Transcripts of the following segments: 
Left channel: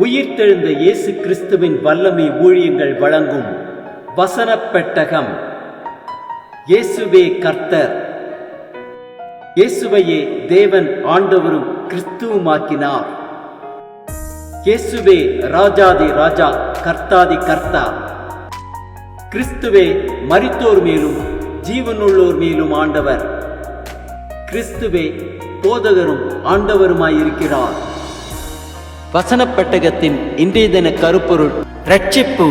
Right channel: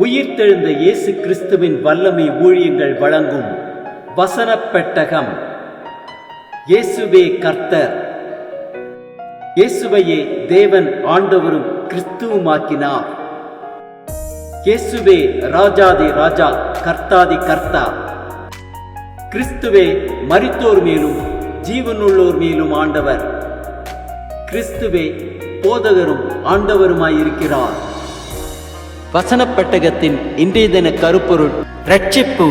உயிர்த்தெழுந்த இயேசு கிறிஸ்துவின் வல்லமை ஊழியங்கள் வழங்கும் வசனப் பெட்டகம். இயேசுவே கர்த்தர். இயேசுவையே தேவன் ஆண்டவரும் கிறிஸ்துவுமாக்கினார். இயேசுவே ராஜாதி ராஜா, கர்த்தாதி கர்த்தா. கிறிஸ்துவே மரித்தோர் மேலும் ஜீவனுள்ளோர் மேலும் ஆண்டவர். கிறிஸ்துவே போதகரும் ஆண்டவருமாயிருக்கிறார். வசனப் பெட்டகத்தின் இன்றைய தின கருப்பொருள் ரட்சிப்பு.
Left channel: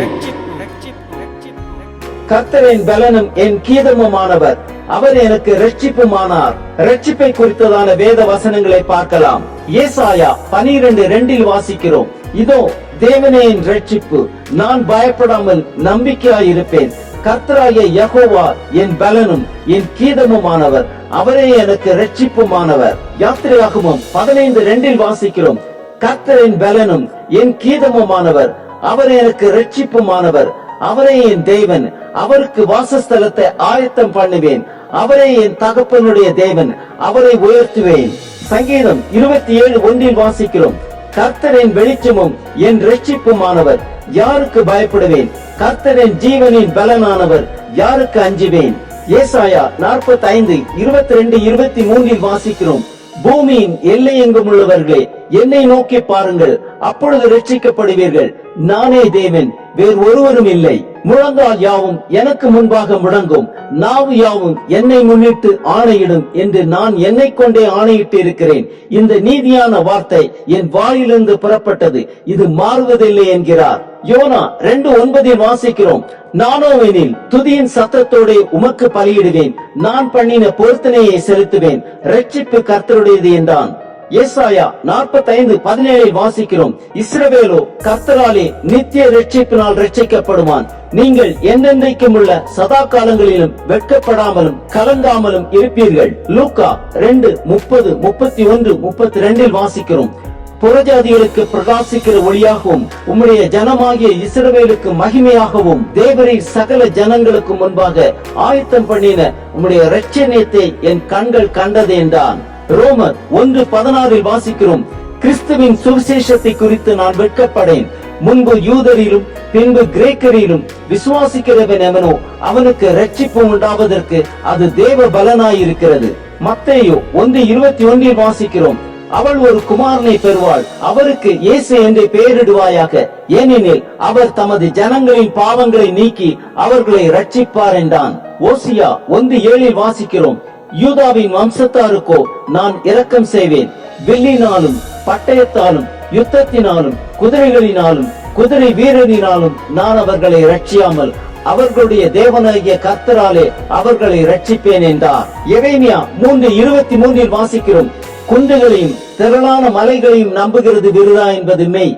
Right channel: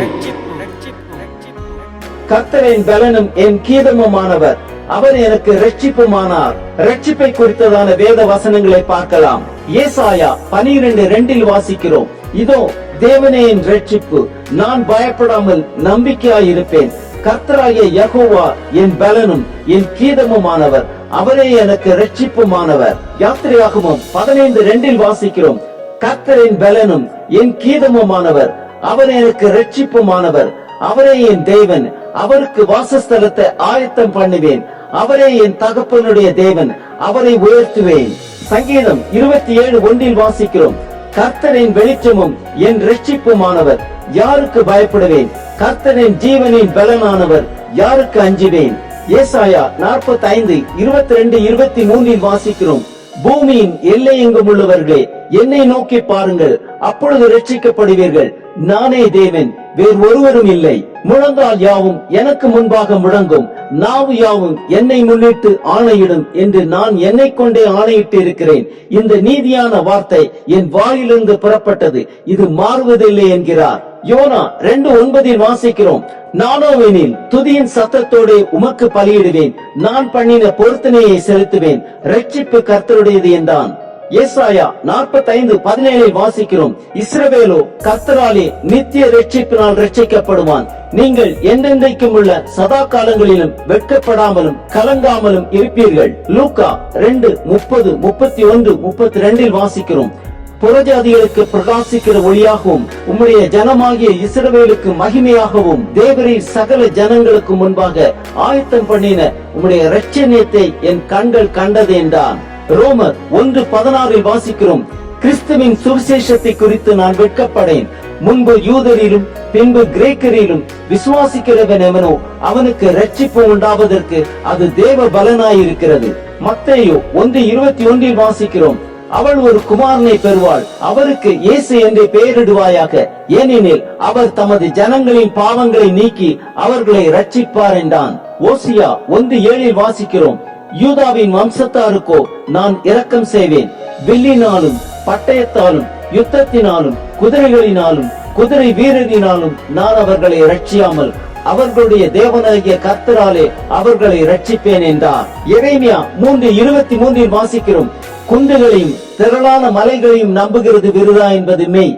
கர்த்தரின் பலனும் என் கீதமுமானவர், அவர் எனக்கு ரட்சிப்புமானார். ரட்சிப்பை குறித்ததான வேத வசனங்களை பார்க்கலாம். ஏசாயா 12:2 வாசிக்கிறோம், இதோ தேவனே என் ரட்சிப்பு, நான் பயப்படாமல் நம்பிக்கையாயிருப்பேன். கர்த்தராகிய யெகோவா என் பலனும் என் கீதமுமானவர், அவரே எனக்கு ரட்சிப்புமானவர். யாத்திரையாகமம் 15:2 வாசிக்கிறோம், கர்த்தரின் பலனும் என் கீதமுமானவர், அவர் எனக்கு ரட்சிப்புமானவர். அவரே என் தேவன், அவருக்கு வாசஸ்தலத்தை ஆயத்தம் பண்ணுவேன். அவரே என் தகப்பனுடைய தேவன், அவரை உயர்த்துவேன். சங்கீதம் 27:1 வாசிக்கிறோம், கர்த்தரின் வெளிச்சமும் என் ரட்சிப்புமானவர், யாருக்கு பயப்படுவேன்? கர்த்தரின் ஜீவனின் பலனானவர், யாருக்கு அஞ்சுவேன்? ஏசாயா 45:22-23 வாசிக்கிறோம், பூமியின் எல்லை எங்கும் உள்ளவர்களே, என்னை நோக்கி பாருங்கள், அப்பொழுது ரட்சிக்கப்படுவீர்கள். நானே தேவன், வேறு ஒருவரும் இல்லை. முழங்கால் யாவும் எனக்கு முன்பாக முழங்கும், நாவு யாவும் என்னை முன்னிட்டு ஆணையிடும் என்று நான் என்னை கொண்டே ஆணையிட்டு இருக்கிறேன். இந்த நீதியான வார்த்தை என் வாயிலிருந்து புறப்பட்டது, இது மாறுவதில்லை என்கிறார். யோனா 2:9 வாசிக்கிறோம், நானோவெனில் துதியின் சத்தத்தோடு உமக்கு பலியிடுவேன், நான் பண்ணின பொருத்தனையை செலுத்துவேன், ரட்சிப்பு கர்த்தருடையது என்றான். ஏசாயா 45:17 வாசிக்கிறோம், இஸ்ரவேலோ கர்த்தராலே நித்திய ரட்சிப்பினால் ரட்சிக்கப்படுவான். நீங்கள் என்றென்றைக்கும் உள்ள சதா காலங்களிலும் வெட்கப்படாமலும் கலங்காமலும் இருப்பீர்கள். லூக்கா 2:30-31-32 வாசிக்கிறோம், புறஜாதிகளுக்கு பிரகாசிக்கிற ஒளியாகவும் உம்முடைய ஜனமாகிய இஸ்ரவேலுக்கு மகிமையாகவும் தேவரீர் சகல ஜனங்களுக்கு முன்பாக ஆயத்தம் பண்ணின உம்முடைய இரட்சணியத்தை என் கண்கள் கண்டது என்றான். ரோமர் 1:16 வாசிக்கிறோம், கிறிஸ்துவின் சுவிசேஷத்தை குறித்து நான் வெட்கப்படேன். முன்பு யூதரிலும் பின்பு கிரேக்கரிலும் விசுவாசிக்கிறவன் எவனோ அவனுக்கு ரட்சிப்பு உண்டாவதற்கு அது தேவ பலனாயிருக்கிறது. மத்தேயு 1:21 வாசிக்கிறோம், அவள் ஒரு குமாரனை பெறுவாள், அவருக்கு இயேசு என்று பெயரிடுவாயாக, ஏனெனில் அவர் தமது ஜனங்களின் பாவங்களை நீக்கி அவர்களை ரட்சிப்பார் என்றான். ஓசியா 1:7 வாசிக்கிறோம், யூதாவின் வம்சத்தாருக்கோ நான் இரக்கம் செய்வேன், வில்லினாலும் பட்டயத்தாலும் யுத்தத்தினாலும் குதிரைகளினாலும் குதிரை வீரரினாலும் நான் அவர்களை ரட்சியாமல் அவர்களுடைய தேவனாகிய கர்த்தராலே அவர்களை ரட்சிப்பேன் என்றார். எரேமியா 3:23 வாசிக்கிறோம், குன்றுகளையும் திரளான மலைகளையும் நம்புகிறது விருதா என்பது மெய்.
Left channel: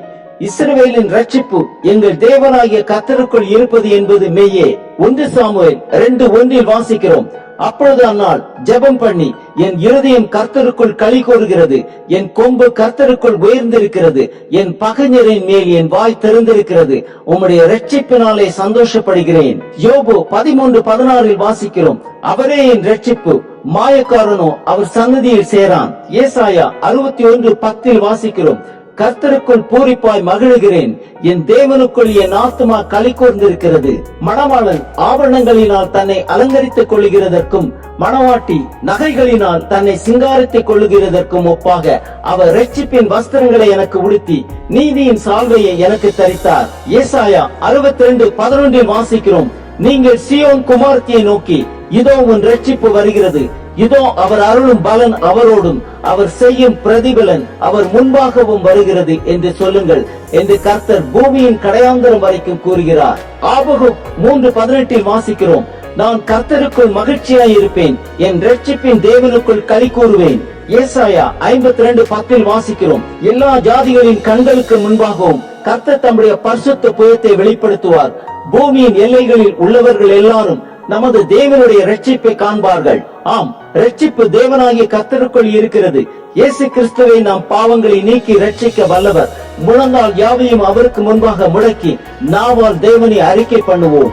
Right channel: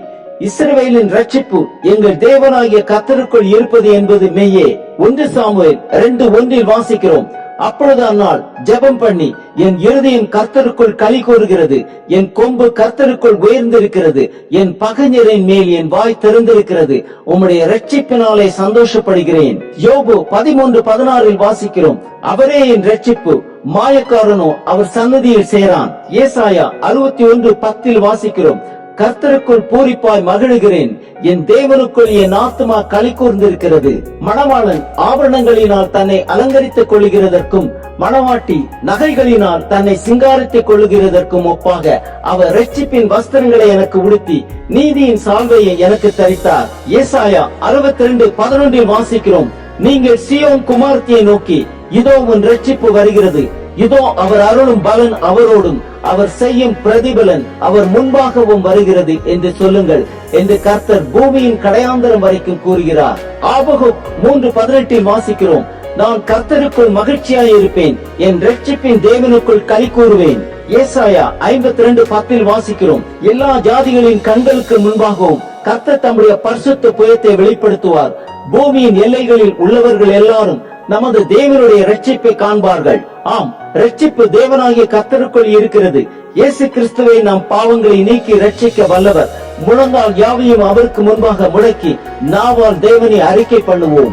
இஸ்ரவேலின் ரட்சிப்பு எங்கள் தேவனாகிய கர்த்தருக்குள் இருப்பது என்பது மெய்யே. 1 சாமுவேல் 2:1 வாசிக்கிறோம், அப்பொழுது அந்நாள் ஜெபம் பண்ணி என் இருதயம் கர்த்தருக்குள் களி கூறுகிறது, என் கொம்பு கர்த்தருக்குள் உயர்ந்திருக்கிறது, என் பகைஞரின் மேல் என் வாய் திறந்திருக்கிறது, உம்முடைய ரட்சிப்பினாலே சந்தோஷப்படுகிறேன். யோபு 13:16 வாசிக்கிறோம், அவரே என் ரட்சிப்பு, மாயக்காரனோ அவர் சன்னதியில் சேரான். ஏசாயா 61:10 வாசிக்கிறோம், கர்த்தருக்குள் பூரிப்பாய் மகிழுகிறேன், என் தேவனுக்குள் என் ஆத்துமா களி கூர்ந்திருக்கிறது. மணவாளன் ஆபரணங்களினால் தன்னை அலங்கரித்துக் கொள்ளுகிறதற்கும் மணவாட்டி நகைகளினால் தன்னை சிங்காரித்துக் கொள்ளுகிறதற்கும் ஒப்பாக அவர் ரட்சிப்பின் வஸ்திரங்களை எனக்கு உடுத்தி நீதியின் சால்வையை எனக்கு தரித்தார். ஏசாயா 62:11 வாசிக்கிறோம், நீங்கள் சீயோன் குமாரத்தியை நோக்கி, இதோ உன் ரட்சிப்பு வருகிறது, இதோ அவர் அருளும் பலன் அவரோடும் அவர் செய்யும் பிரதிபலன் அவர் முன்பாகவும் வருகிறது என்று சொல்லுங்கள் என்று கர்த்தர் பூமியின் கடையாந்தரம் வரைக்கும் கூறுகிறார். ஆபகுக் 3:18 வாசிக்கிறோம், நான் கர்த்தருக்குள் மகிழ்ச்சியாய் இருப்பேன், என் ரட்சிப்பின் தேவனுக்குள் களி கூறுவேன். ஏசாயா 52:10 வாசிக்கிறோம், எல்லா ஜாதிகளின் கண்களுக்கு முன்பாகவும் கர்த்தர் தம்முடைய பரிசுத்த புயத்தை வெளிப்படுத்துவார். பூமியின் எல்லைகளில் உள்ளவர்கள் எல்லாரும் நமது தேவனுடைய ரட்சிப்பை காண்பார்கள். ஆம், ரட்சிப்பு தேவனாகிய கர்த்தருக்குள் இருக்கிறது. இயேசு கிறிஸ்துவை நாம் பாவங்களை நீக்கி ரட்சிக்க வல்லவர். முழங்கால் யாவையும் அவருக்கு முன்பாக முடக்கி நாவால் தேவனை அறிக்கை பண்ணுவோம்.